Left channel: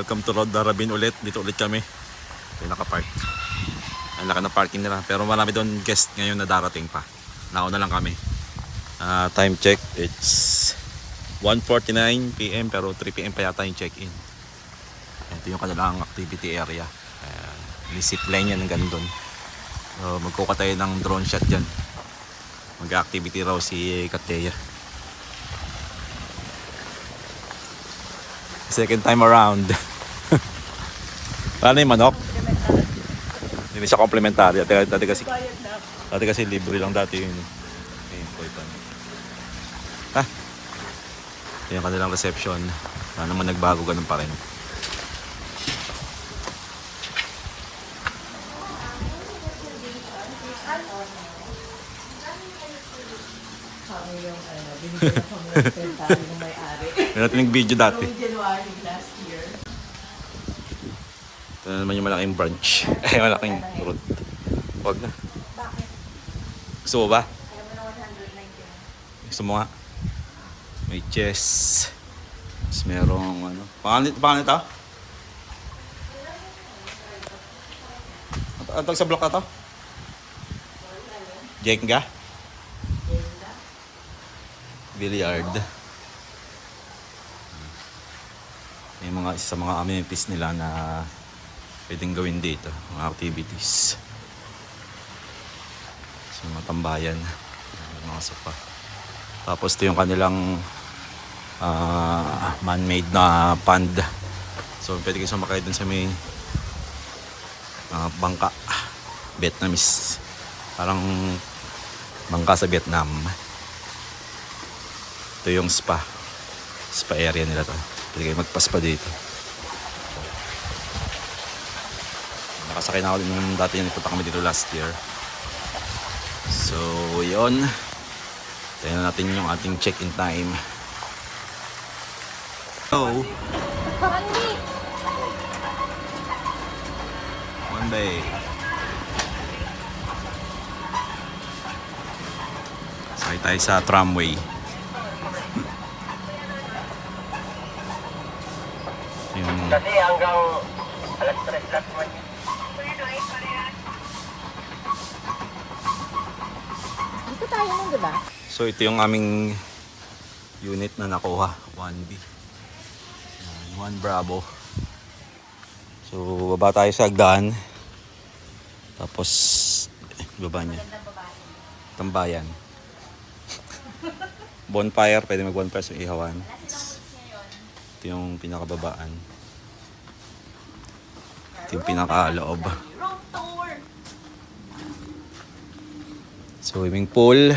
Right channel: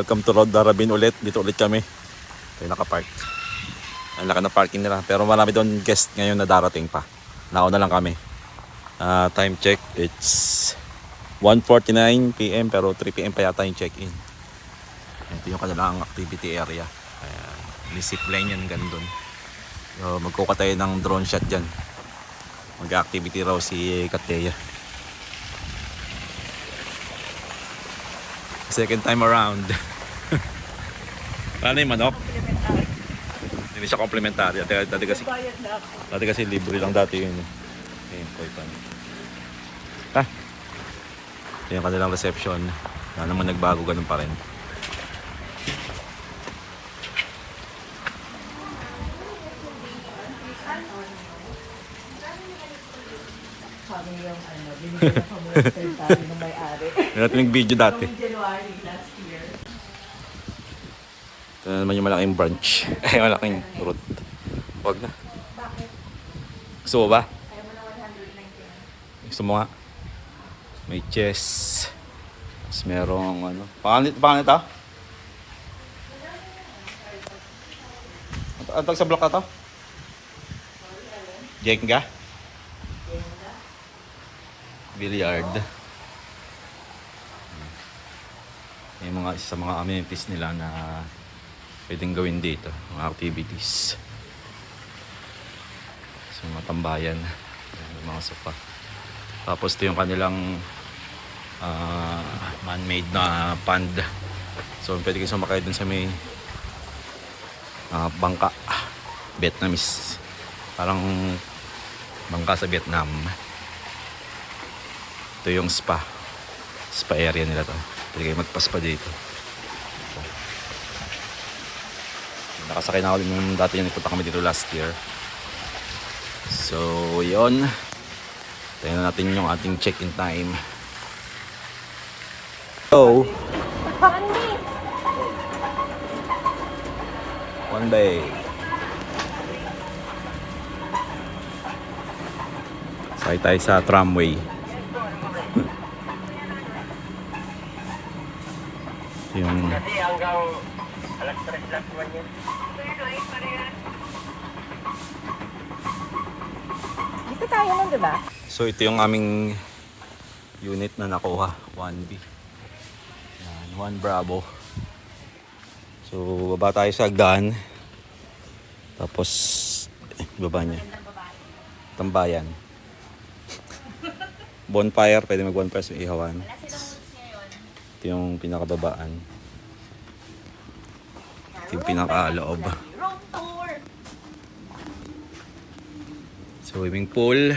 Welcome to Road Darabin ulit. Dito ulit kami. Ito yung nakapark. Ang laki na parking nila. Pero marami doon guest ngayon na darating pa. Nauna lang kami. Time check. It's 1:49 PM pero 3 PM pa yata yung check-in. Ito yung kanilang activity area. May zipline yan hanggang doon. So magkukatay ng drone shot dyan. Mag-activity raw si Kateya. Second time around. Ano yung manok? Hindi siya komplementarya. Dati kasi libre lang dati yun. Ayun, koy pa. Ito yung kanilang reception. Wala naman nagbago, ganun pa rin. May natin nag-video dati. Ito na naman yung malaking branch. Ay, malaking root. Huwag na. Bakit? Gusto mo ba? Ayaw mo na 199. Gusto mo nga? May chess. Tapos merong ano. Pangalan ito? Ang tawag sa block na ito? Jenga? Billiard. Yung mga isa sa mga amenities nila na pwedeng gawin dito, mga activities. So, mga tambayan, mga sofa. Tapos ito yung kanilang man-made na pond. So pwede kayo sumakay dun sa may bangka, Vietnamese. Parang bangka sa Vietnam. Ito yung spa area nila to. Pwede kayo magpa-spa dito. Nakasakay na ako din nung dati yung nagpunta kami dito last year. So yun, tingnan natin yung ating check-in time. So one day. Sakay tayo sa tramway. Yung Kasi hanggang alas 3 last one yun. Dito tayo nun, diba? So ito yung aming unit na nakuha, 1B. Yan, 1 Bravo. So baba tayo sa hagdan. Tapos baba niya. Tambayan. Bonfire, pwede mag-bonfire sa ihawan. Ito yung pinakababaan. Ito yung pinakaloob. Swimming pool.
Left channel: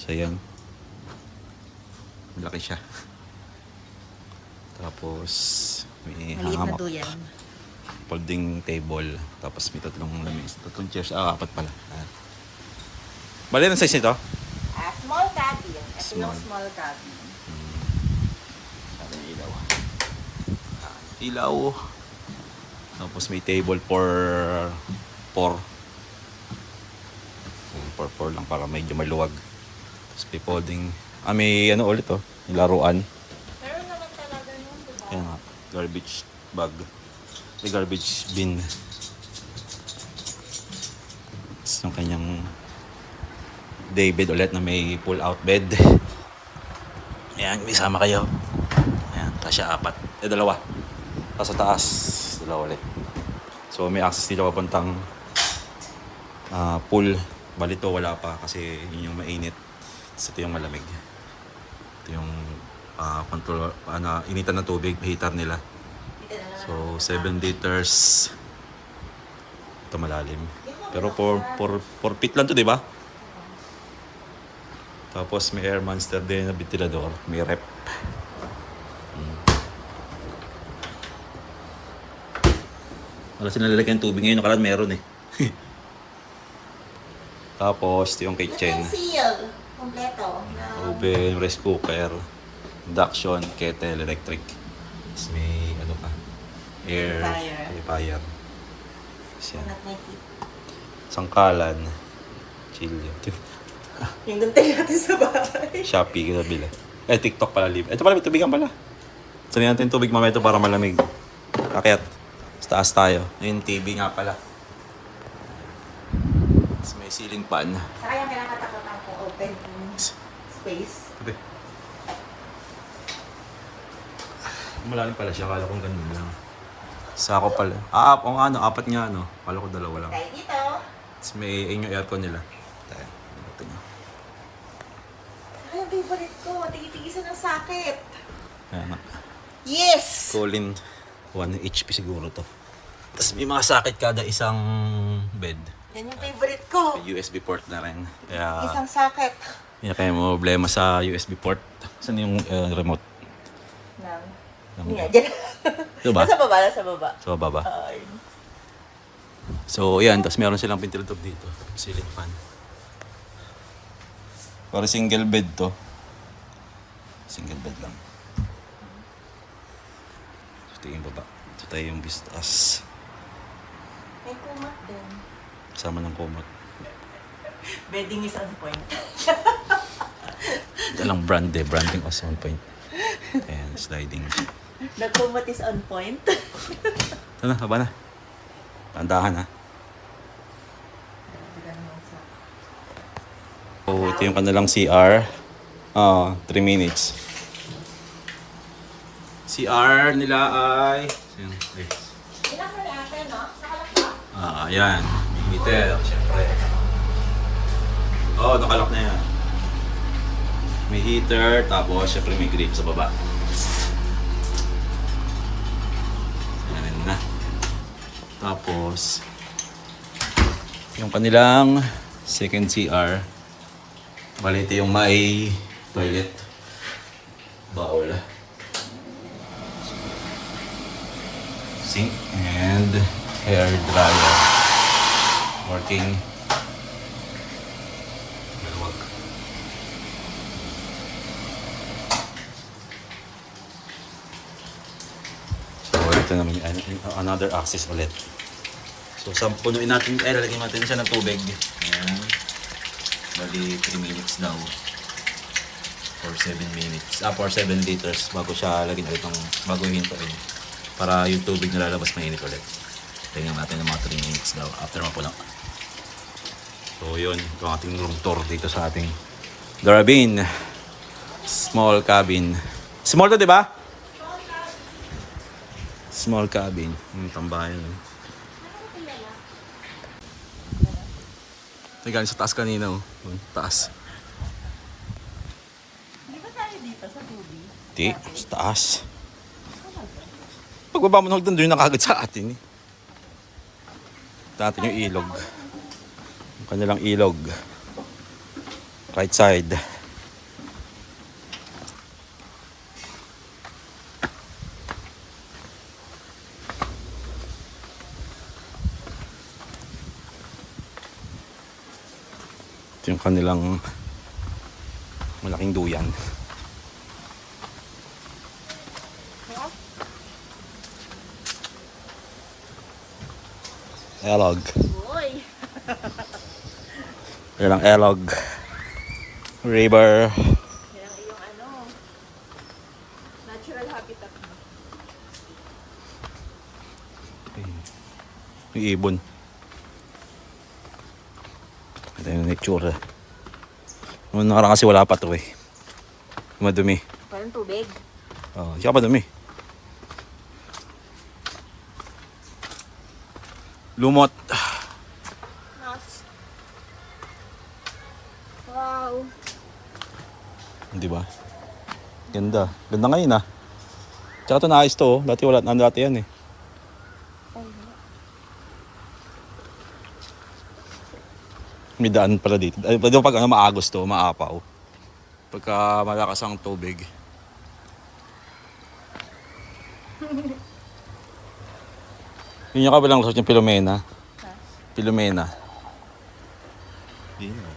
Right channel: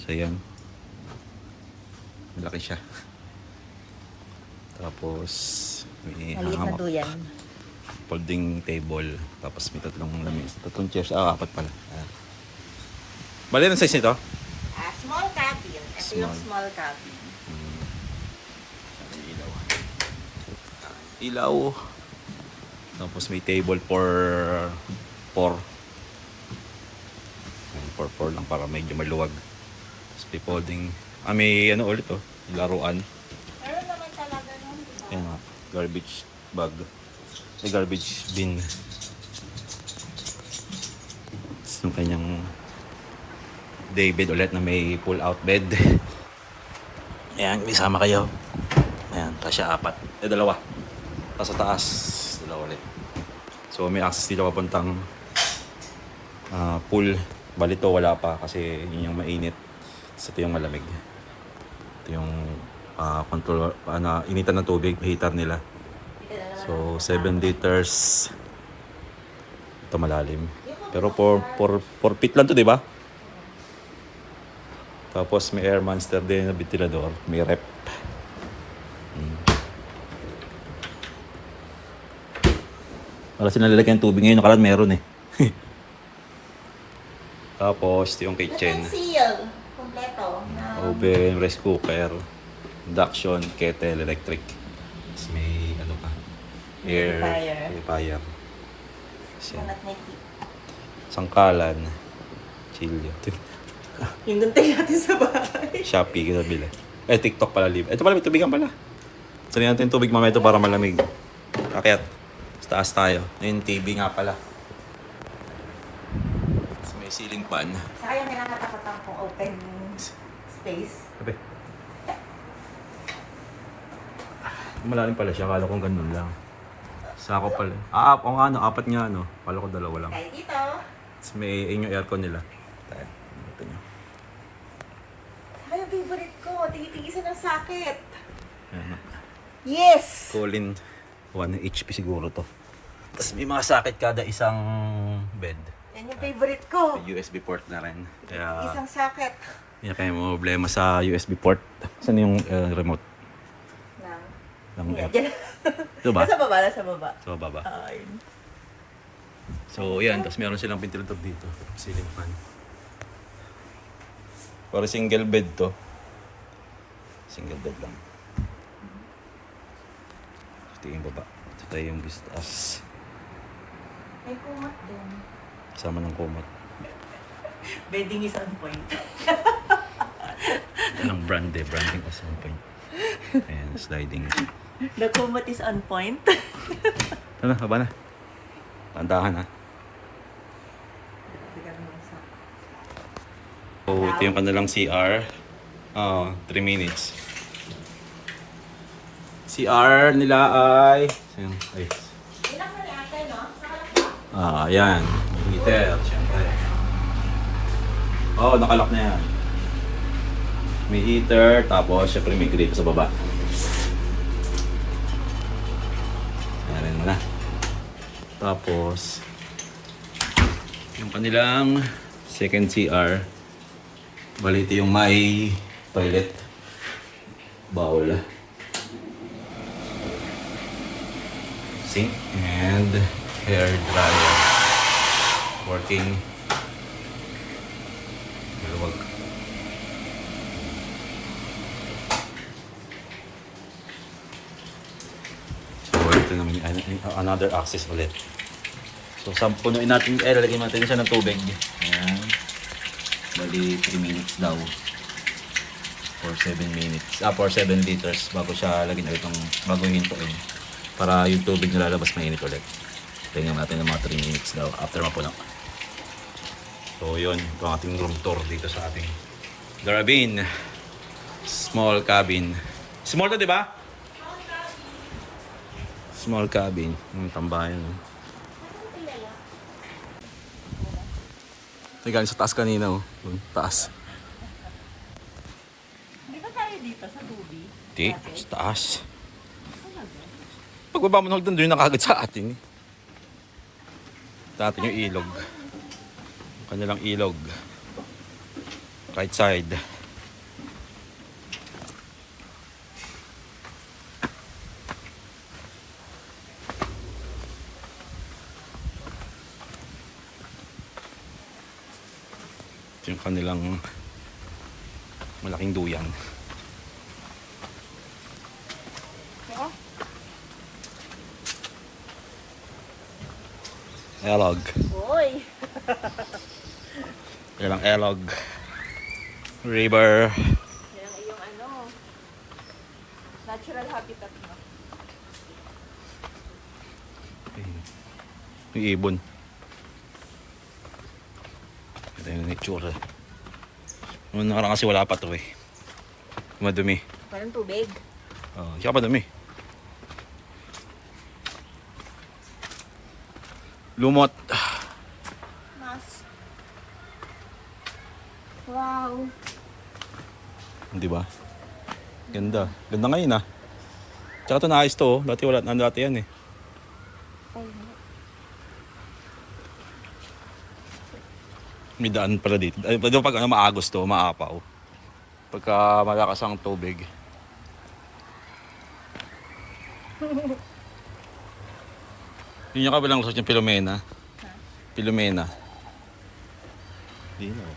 So yan. Malaki siya. Tapos may hamak. Folding table. Tapos may tatlong lamis. Tatlong chairs. 4 pala. Bali ang size nito? Small cabin. Ito yung Small. small cabin. Ilaw. Ilaw. Tapos may table for 4. For 4 lang para medyo maluwag. Tapos may folding. May ano ulit oh. Laruan. Meron naman talaga nun, diba? Kaya nga. Garbage bag. May garbage bin. Tapos yung kanyang day bed ulit na may pull out bed. Ayan, may sama kayo. Ayan, tapos siya 4. 2. Tapos sa taas, 2 ulit. So may access dito papuntang pool. Balito wala pa kasi yun yung mainit. Tapos ito yung malamig. Ito yung control, initan ng tubig, heater nila. So 7 liters. Ito malalim. Pero 4 feet lang to, di ba? Tapos may air monster din na ventilador, may rep. Wala sinalalagyan ng tubig ngayon, nakaraan meron eh. Tapos ito yung kitchen. Utensil. Kompleto. Oven, rice cooker, induction, kettle, electric. Tapos may ano pa, air purifier. At may tip. Sangkalan, silyo. Yung dantay natin sa bahay. Shopee, kinabila. TikTok pala libre. Ito pala, may tubigan pala. Sali natin yung tubig mamaya ito para malamig. Kakyat. Sa taas tayo. Ayun, TV nga pala. Tapos may ceiling fan. Saka yung kinakatakutan ko open space. Sabi. Malalim pala siya. Akala kong ganun lang. Sako pala. O nga, apat nga, no? Akala ko dalawa lang. Tayo dito. Tapos may yung aircon nila. Tayo. Ito nyo. Ay, yung favorite ko. Tingitigisan ng sakit. Ayan nga. Yes! Colin, 1 HP siguro to. Tapos may mga sakit kada isang bed. Yan yung favorite ko. May USB port na rin. Kaya, Isang sakit. hindi na kayo problema sa USB port. Saan yung remote? Nang... Ng Yan. Ito ba? Nasa baba, nasa baba. Sa baba. Ay. So, yan. Tapos meron silang ventilator dito. Ceiling fan. Para single bed to. Single bed lang. Ito yung baba. Ito tayo yung vistas. May kumat din. Kasama ng kumot. Bedding is on point. Ito lang brand eh. Branding was on point. Ayan, sliding. The kumat is on point. Ito na, haba na. Pandahan ha. So, ito yung kanilang CR. 3 minutes. CR nila ay... Ayun, ay. Ilang may ate, no? Nakalak ba? Ayan. May heater, syempre. Nakalak na yan. May heater, tapos syempre may grate sa baba. Ayan mo na. Tapos, yung kanilang second CR. Bali, ito yung may toilet. Bowl. Sink and hair dryer. Working. Maluwag. So, ito naman yung another access ulit. So, punuin natin, lalagyan natin siya ng tubig. Ayan. Bali, 3 minutes daw. For 7 minutes. For 7 liters bago siya lagyan ulit ng bago hintuin. Para yung tubig na lalabas mainit ulit. Tingnan natin ng mga 3 minutes daw after mapulang. So, yun. Ito ang ating room tour dito sa ating Darabin. Small cabin. Small to, di ba? Small cabin. Yung tambayan. Galing sa taas kanina, oh. Taas. Di ba tayo dito sa tubi? Di, sa taas. Pagbaba mo na doon, doon yung nakagad sa atin, eh. Ito natin yung ilog. Yung kanilang ilog. Right side. Ito yung kanilang malaking duyan. Elog. Uy! Yan ang Elog River. Yan ang iyong natural habitat mo. May ibon. Ito yung nature. Noong nakaraan kasi wala pa to eh. Madumi. Parang tubig. Siya pa dumi. Lumot. Mas. Wow. Di ba? Ganda. Ganda ngayon ah. Tsaka ito naayos to oh. Dati wala. Dati yan eh. May daan pala dito. Ay, pag maagos to, maapaw. Pagka malakas ang tubig. Yun yung kabilang resort yung Pilomena. Pilomena. Di na.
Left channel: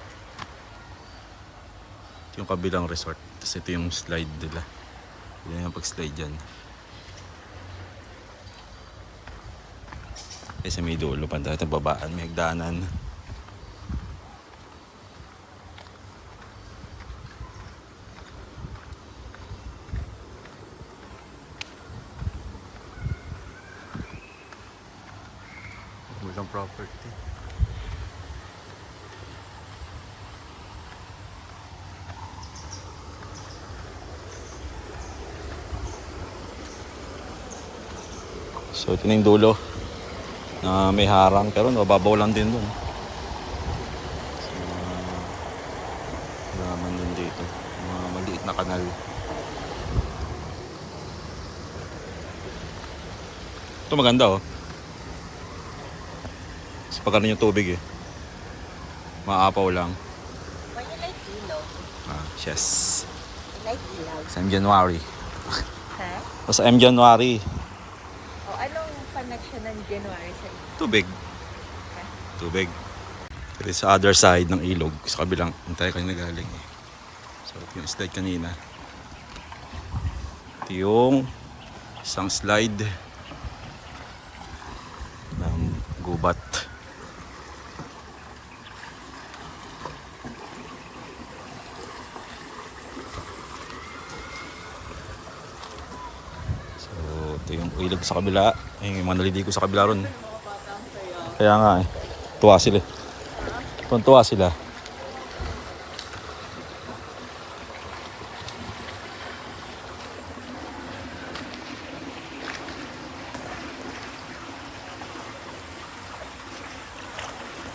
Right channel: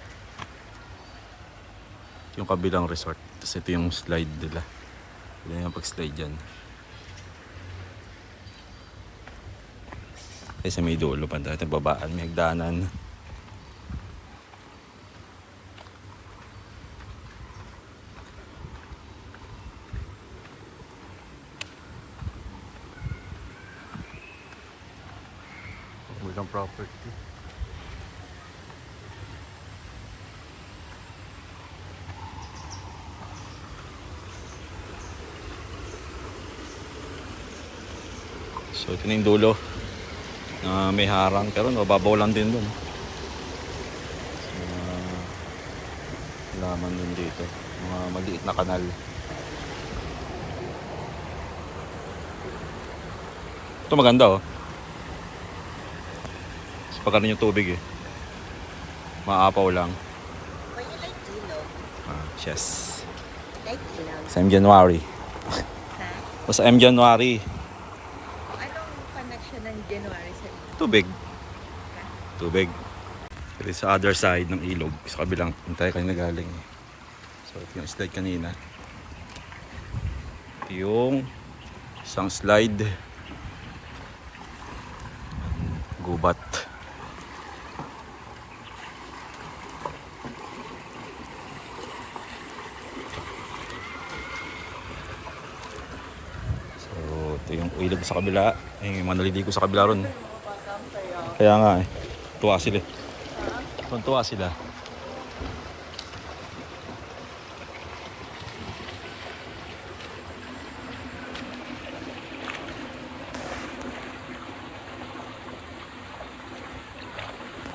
Ito yung kabilang resort. Tapos ito yung slide nila. Pwede yung pag-slide dyan. Ay sa may dulo pa dahil babaan. May hagdanan. Walang property. So ito na yung dulo na may harang pero mababaw lang din dun. Mga halaman din dito. Mga maliit na kanal. Ito maganda oh. Sa pagkano yung tubig eh. Maapaw lang. When you like ilog, Yes. you like ilog. Sa M January. Ha? O sa M January. O, anong connection ng January sa ilog? Tubig. Tubig. Pero sa other side ng ilog, sa kabilang, tayo kanina galing. So ito yung slide kanina. Ito yung isang slide ng gubat. So ito yung ilog sa kabila. Yung mga naliligo sa kabila ron. Kaya nga eh. Tuwa sila eh. Tuwa sila.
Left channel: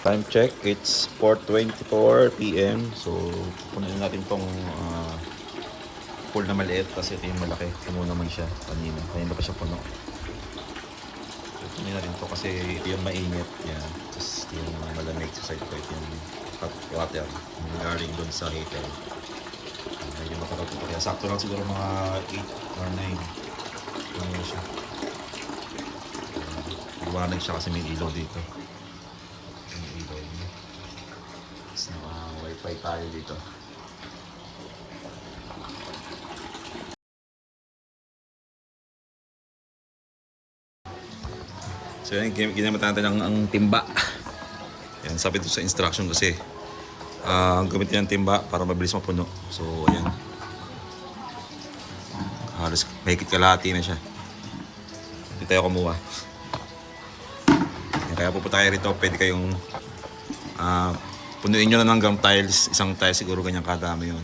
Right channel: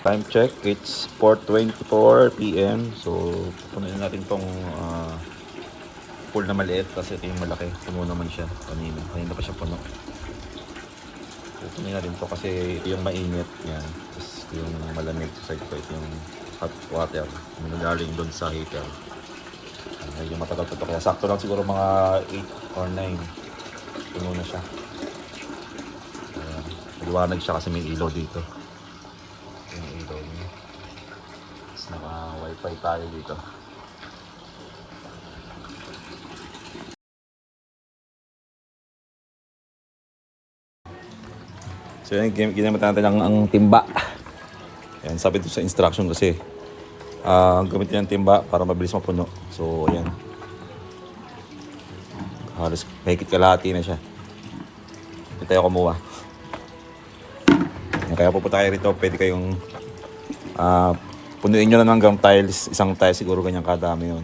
Time check, it's 4:24 PM. So, punuin natin tong pool na maliit kasi ito yung malaki. Puno naman siya kanina. Kanina pa siya puno. So, punuin natin to kasi ito yung mainit. Yan. Tapos yung malamig sa side ko. Ito yung hot water. Yung nagaling doon sa heater. Medyo matagal to. Kaya sakto lang siguro mga 8 or 9. Puno na siya. Liwanag siya kasi may ilaw dito. Naka-wifi tayo dito. So yan, ginamit natin ang timba. Yan, sabi ito sa instruction kasi gamitin yung timba para mabilis mapuno. So yan. Halos mahigit kalahati na siya. Hindi tayo kumuha. Kaya pupunta tayo rito, pwede kayong punuin nyo lang ng gum tiles, isang tile siguro ganyan kadami yun.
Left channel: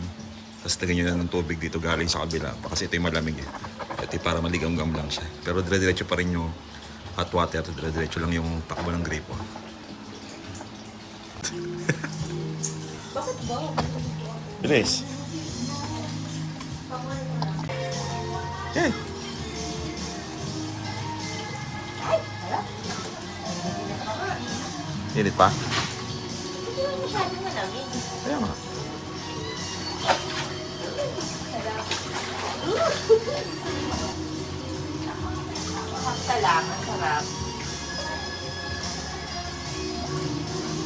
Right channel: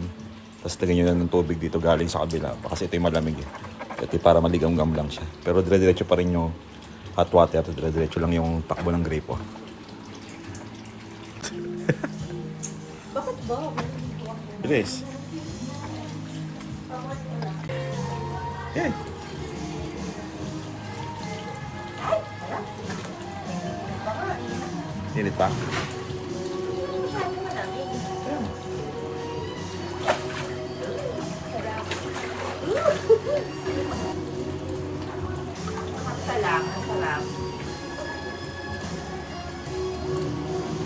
Tapos lagyan nyo na ng tubig dito galing sa kabila. Kasi ito yung malamig eh. Ito para maligam-gam lang siya. Pero dire-diretso pa rin yung hot water. Dire-diretso lang yung takbo ng gripo. Bakit ba? Bilis. Yan. Ay! Hala? Init pa? Masyado na namin. Ayun nga. Sakta lang, ang sarap.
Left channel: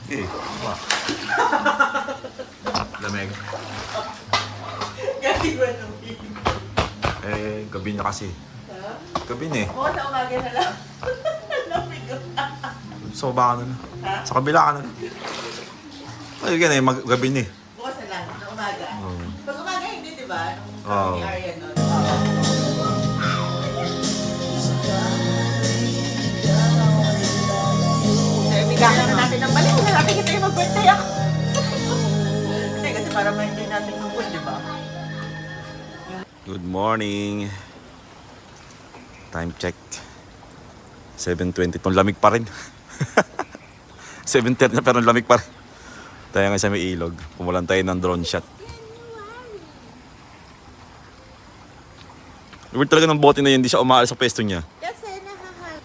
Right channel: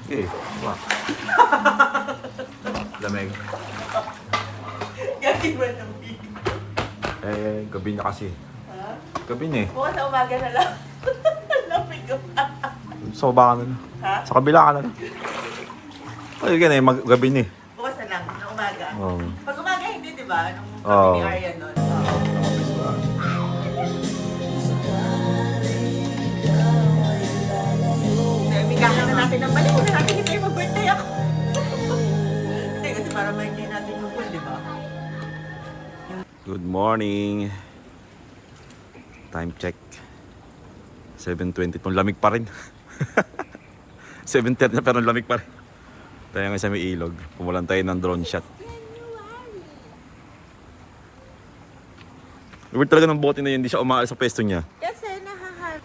Okay. Wow. Lamig. Gabi ba namin? Gabi na kasi. Ha? Gabi na eh. Ako sa umaga na lang. Lamig ko. Sa baba ka na lang. Ha? Sa kabila ka na lang. Ay, yan eh. Gabi na eh. Bukas na lang, na umaga. Oo. Pag umaga hindi, di ba? Nung Oo. kami ni Arya nun. Naibigahan na natin ng balik. Hindi natin kita yung mag-birthday ako. Hindi, kasi para ma-enjoy natin yung pool, di ba? Good morning. Time check. 7:20. Itong lamig pa rin. 7:30 na pero lamig pa rin. Tayo nga sa may ilog. Pumulan tayo ng drone shot. Weird talaga ng bote na yun. Hindi siya umaalis sa pwesto niya. Kasi nahahal.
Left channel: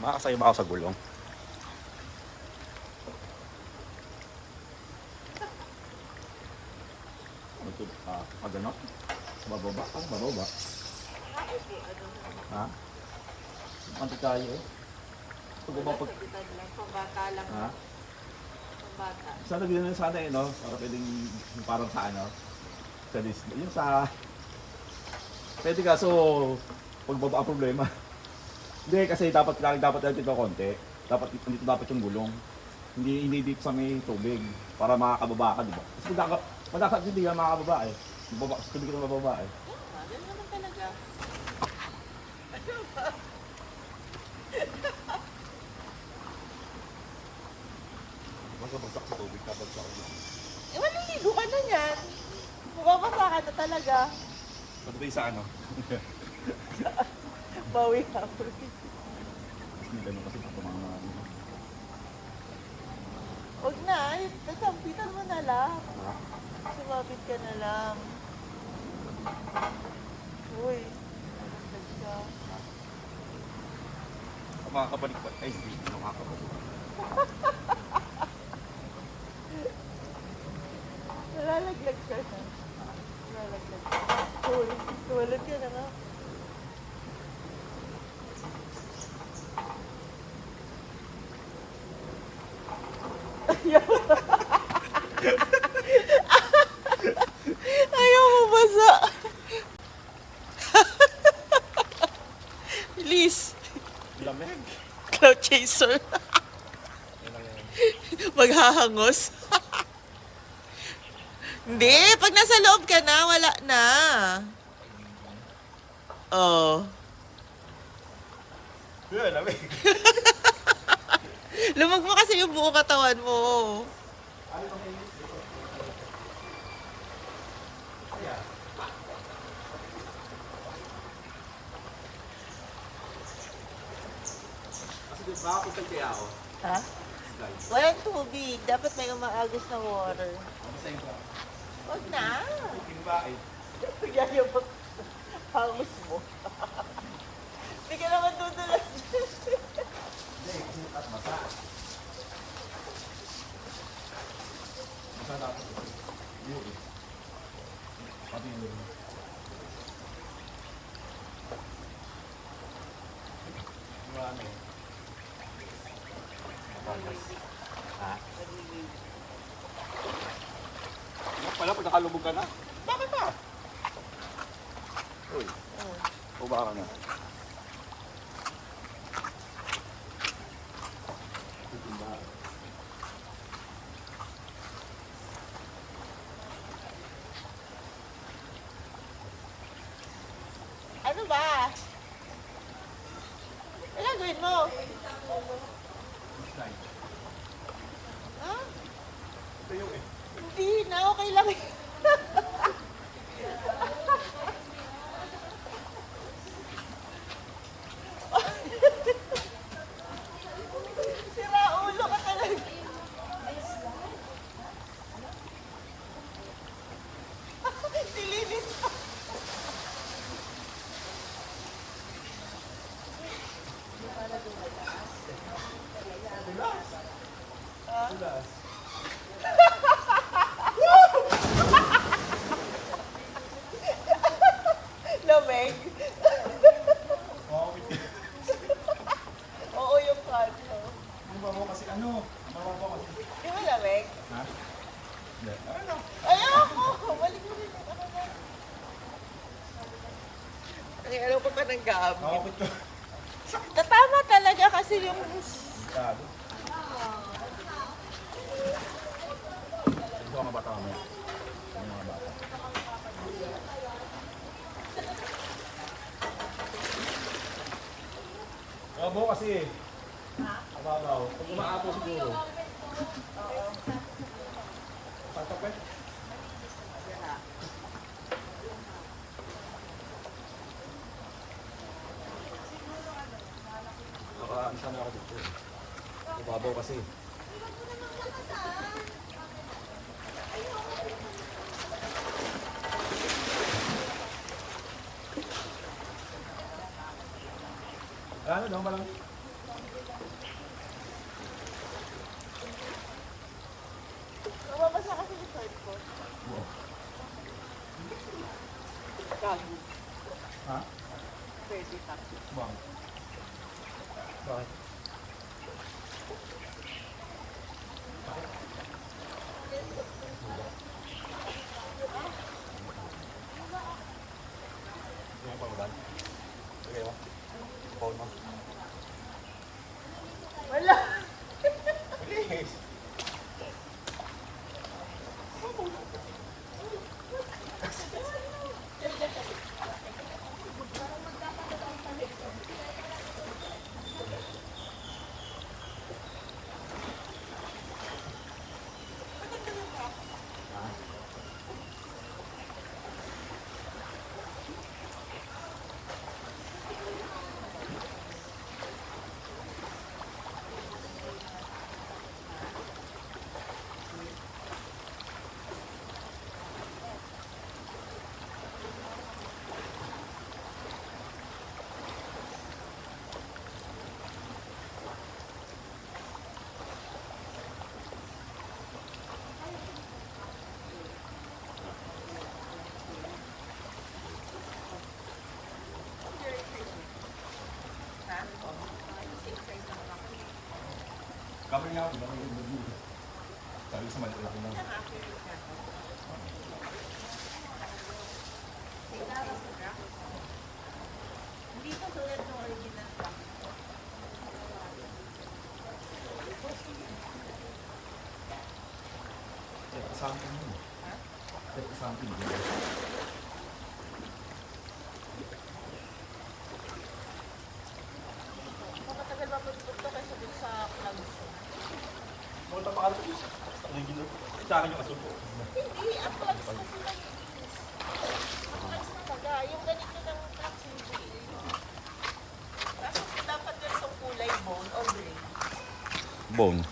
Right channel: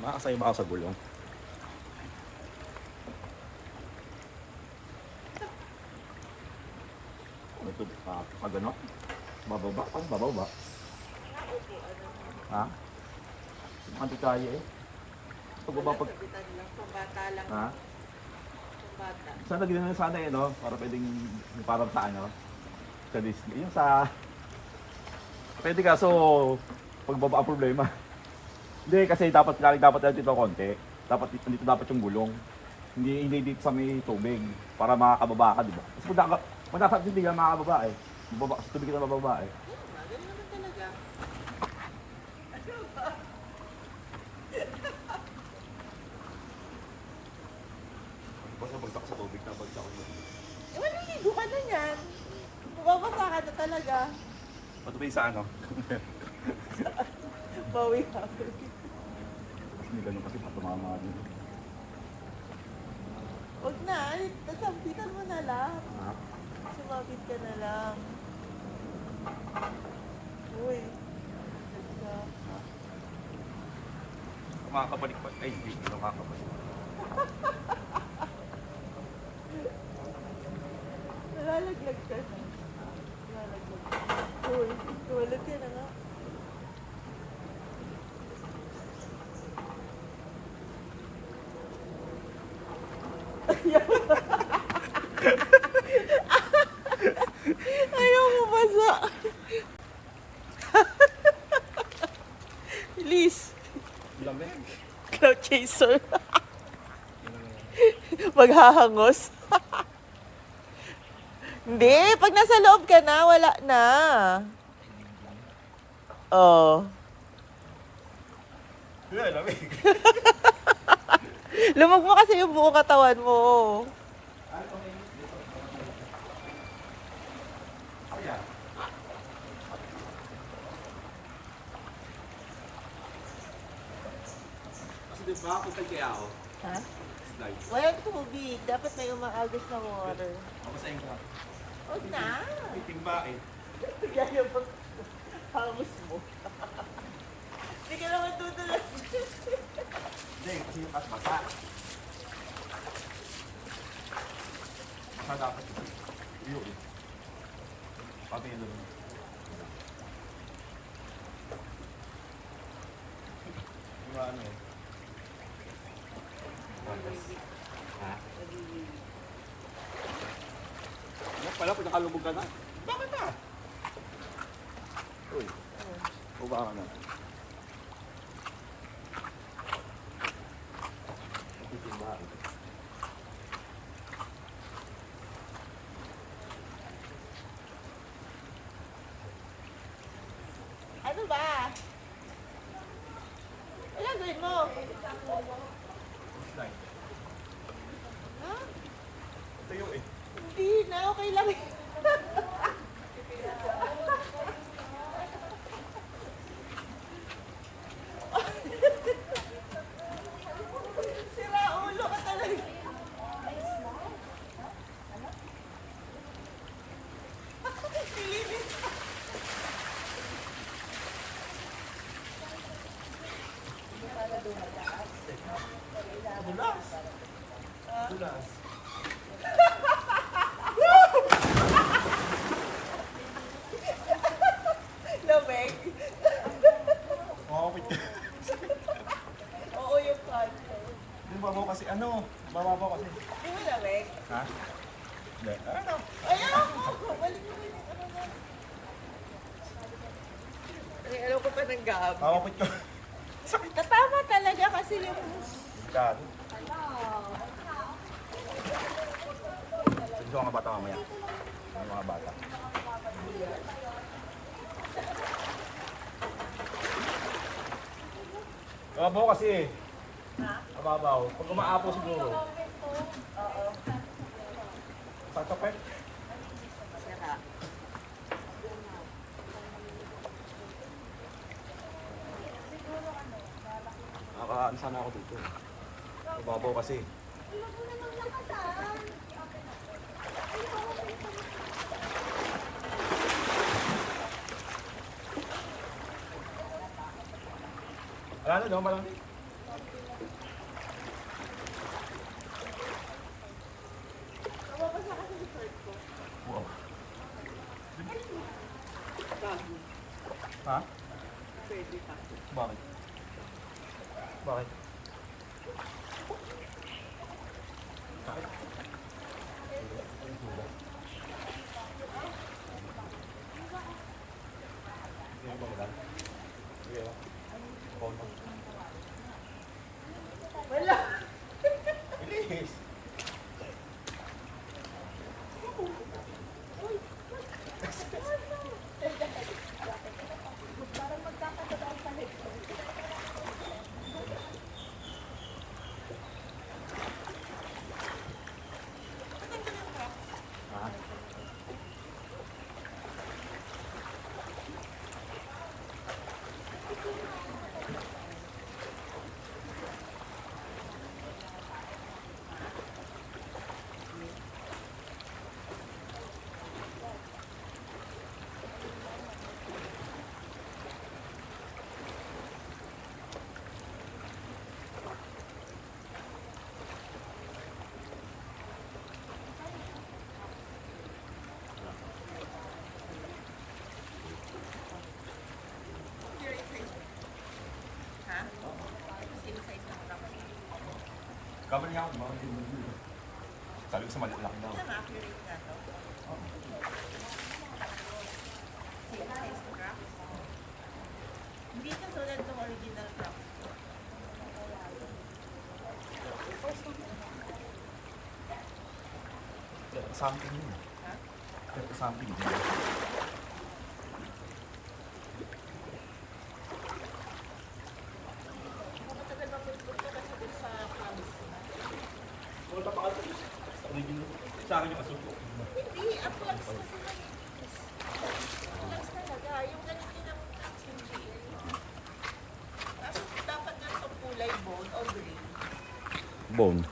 Makakasaya ba ako sa gulong? Ano ito? Pagano? Bababa? Ano bababa? Ha? Mati tayo eh. Pagbaba pag... Sagutan lang, pambata lang. Ha? Pambata. Sana ganyan lang sana eh, no? Para pwedeng yung parang sa ano? Sa Disney. Yung sa... Pwede kaso pagbaba ang problema. Hindi kasi dapat lang dito konti. Dapat dito dapat yung gulong. Hindi dito sa may tubig para makakababa ka, di ba? Kasi pag nasa hindi ka makakababa eh. Bababa sa tubig ka na bababa eh. Ganyan naman talaga. Tapos nabagsak sa tubig, nabagsak ako. Eh, maliligo ka na yan. Mababasa ka na talaga. Ba't ba yung sa ano? Bawi ka. Hindi ganun kasi tumama. Huwag na. Kasampitan mo na lang. Sumapit ka na lang. Uy. Makakabalik pa. Ay, hindi na makakabalik. Nalalaglag ka na. Nalalaglag ka. Uy, tumalad ka na nga. Ayaw mo basa. Please. Lamig. Cloud chaser. Maghahangos. Hindi, pag nasa loob ka na, wala na. Oh. Lamig. Lumag mo kasi yung buong katawan mo. Kasi di ba, kung kaya ako, Ha? slide. Walang tubig. Dapat may umaagos na water. Mamasayang ka. Huwag na. May timba eh. Gaya ba? Hangos mo. Hindi ka naman dudulas. Hindi, kasi at mata. Mata dapat. Iyo eh. Pati yun doon. Yung ano eh. Ha? Ano pala kung nakalubog ka na? Bakit pa? Uy. Bumaka ka na. Ano ba? Ano gawin mo? Ha? Tayo eh. Hindi na. Okay lang. Sira ulo ka talaga. Silinis ka. Lamig. Oo, wait. Oo, yung kwarto. Yung babaw kasi ano? Babaw kasi. Di ba lamig? Ha? Hindi. Ano? Ayoko! Balik mo rin ako naman. Ay, alam ko pa ng gabi. Oo, wait ko. Tatama talaga kasi yung... Kado. Gusto mga bata mamaya. Yung mga bata. Babaw kasi. Babaw. Pag umaapo siguro. Tatok eh. Nakakaan sana ako dito. Babaw kasi. Ano daw malang? Nababasa kasi yung shirt ko. Wow. Gago. Ha? Baby ka. Bakit? Bakit? Bakit? Yung pangban? Okay mo? Phone mo? Wala. Please! Kamali nga ako, di ba? Sabi ko sa maliit lang lang. Ang accurate nga to. Same size crack. Hindi ka tulad ng original crack. Something yun. Ha? Something din. Kung matagal mapunta kasi dun sa clubs. Punta pa ka sa original. Sa akin yung asuko. Hindi, ang clubs kasi nag-iis. Ang clubs talaga, yung ganito ng cracks hindi. Kaso dapat yun sa kulay bone o green. Bone.